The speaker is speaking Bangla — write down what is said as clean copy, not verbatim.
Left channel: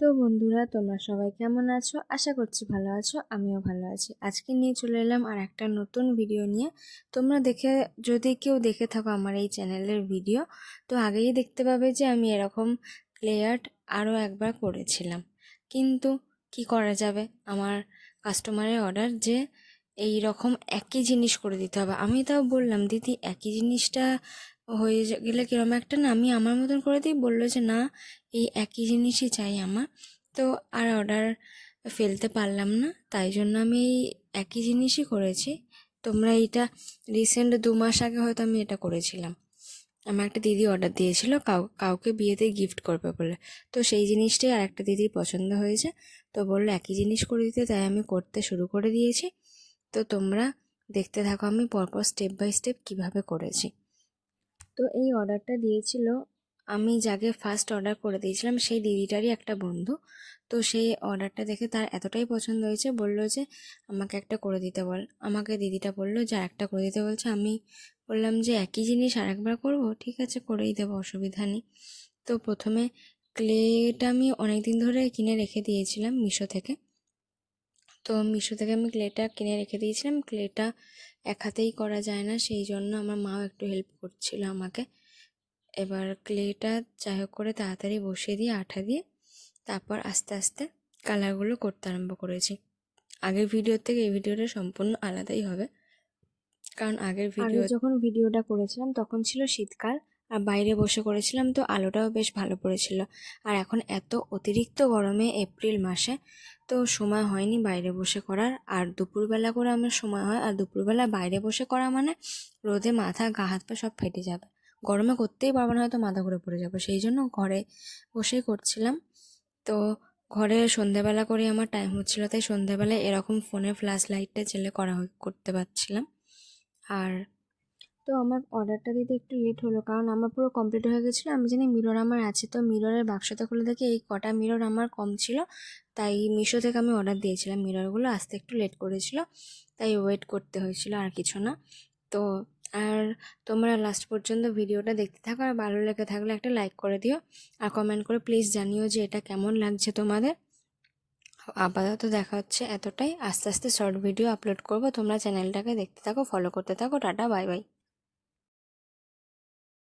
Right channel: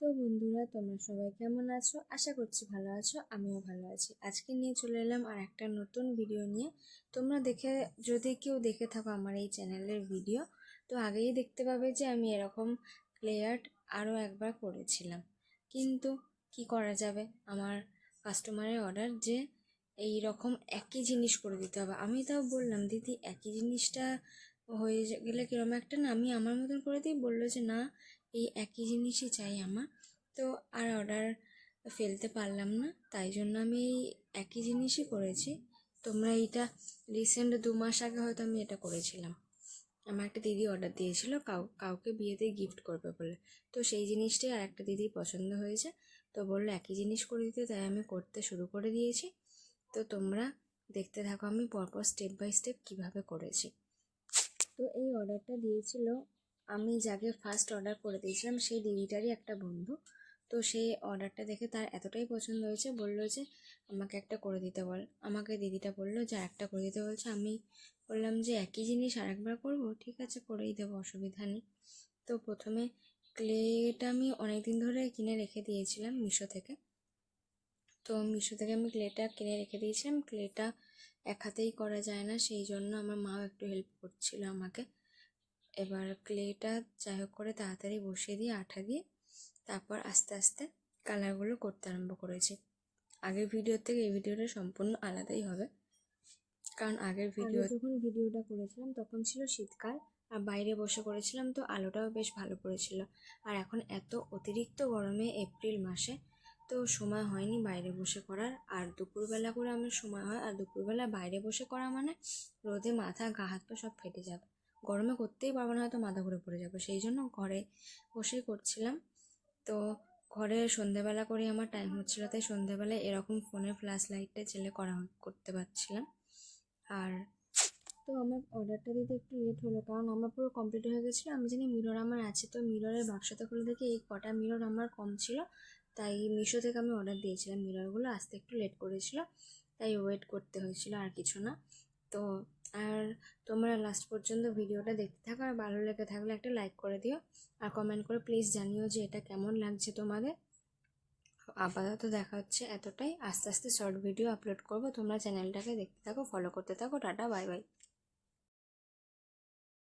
তো বন্ধুরা, তোমরা সবাই কেমন আছো? আশা করছি ভালো আছো, আমিও ভালো আছি। আজকে নিয়ে চলে এলাম আর একটা নতুন ভিডিও নিয়ে। তোমরা যদি কেউ দেখে থাকো আমার এই চ্যানেলের ভিডিও, তো আগেই দেখতে পাবে যে আমি এরকম ক্লে আর্ট আরও একবার করেছিলাম। কিন্তু কি করা যাবে, আমার কাস্টমারের অর্ডার যে এই রকম একই জিনিস করে দিতে হবে। আমি তাও বললাম, দিদি একই জিনিসটা হয়ে গেলে কিরম একটা না, আমি আমার মতন করে দিই। বললো যে না, এই একই জিনিসই চাই আমার। তো আর অর্ডার ফেলতে পারলাম না, তাই জন্য আমি এই একই জিনিসই করেছি। তোমরা এইটা রিসেন্ট 2 মাস আগে হয়তো আমি এটা করেছিলাম। আমার একটা দিদি অর্ডার দিয়েছিল কাউকে বিয়েতে গিফট করবে বলে। তো সেই জিনিসটাই আর একটা দিদির পছন্দ হয়েছে, তো বললো একই জিনিস করে দিতে, তাই আমি করতে শুরু করে দিয়েছি। তো তোমরা দেখতে থাকো আমি পরপর স্টেপ বাই স্টেপ কীভাবে করেছি। তো এই অর্ডারটা দিয়েছিল, আমি যাকে ফার্স্ট অর্ডার করে দিয়েছিলাম সেই দিদিটারই একটা বন্ধু। তো সেই অর্ডারটা দেখে তার এতটাই পছন্দ হয়েছে, বললো যে আমাকে একটা করে দিতে বল। আমাকে দিদিটা বললো যে আরেকটা করে দিতে বলছে। আমি বললাম যে একই জিনিস আরেকবার করবো, ঠিক আছে করেই দেবো, অসুবিধা নেই। তো প্রথমে ক্লেটা আমি অনেক দিন ধরে কিনে রেখে দিয়েছিলাম মিশো থেকে। তো মিশো থেকে আমি ক্লেটা কিনে রেখে দিয়েছিলাম। ক্লেটা এক হাতেই করা যায় না, সেই জন্য আমার মাও একটু হেল্প করছিল আমাকে। এবার ক্লেটা যাই হোক করে তাড়াতাড়ি বসিয়ে দিয়ে আঠা দিয়ে তারপর আস্তে আস্তে কালারগুলো করতে আরম্ভ করেছি। আগের ভিডিওর থেকে এই ভিডিওটা সম্পূর্ণ আলাদাই হবে, কারণ আগে যখন ভিডিওটা করেছিলাম তখন ছিল শীতকাল আর বাইরে বসে করেছিলাম, তো আলোটাও বেশ ভালো পড়েছিল। আর এখন এত অতিরিক্ত গরমে এপ্রিল মাসে তো সময় হয়নি বাইরে বসে করার। আর দুপুরবেলা করে আমার সময় হয়, আর দুপুরবেলা বাইরে বসে করা মানে রোদে মাথা গা হাত পা সব ফেটে যাবে, গরমে করতেই পারবো না, হয়তো মাথা ঘুরে পড়ে যাবে। সেই জন্য ঘরে বসেই করছিলাম। তো ঘরে সন্ধেবেলা করে আমার টাইম হচ্ছিলো, তাই সন্ধেবেলায় এরকম ফোনে ফ্ল্যাশ লাইটটা জ্বেলে করতে পারছিলাম। আর তো আমার অর্ডারটা দিতে একটু লেট হলো, কারণ আমার পুরো কমপ্লিট হয়ে গেছিলো। আমি জানি মিরর আমার আছে, তো মিররের বাক্সটা খুলে দেখি এই কটা মিরর আমার কম ছিল, তাই মিশো থেকে আমি অর্ডার দিয়েছিলাম। মিররগুলো আসতে একটু লেট করেছিল, তাই ওয়েট করতে হয়েছিল, আর কিছু না। তো আর তোমরা লাস্ট পর্যন্ত ভিডিওটা দেখতে থাকো, আর ভালো লেগে থাকলে একটা লাইক করে দিও, আর কমেন্ট করে প্লিজ জানিও যে এটা কেমন লাগছে তোমাদের। আপাতত দেখা হচ্ছে এতটাই, আস্তে আস্তে শর্ট ভিডিও আপলোড করব। তোমরা চ্যানেলটাকে দেখতে থাকো, ফলো করতে থাকো। Tata, bye bye.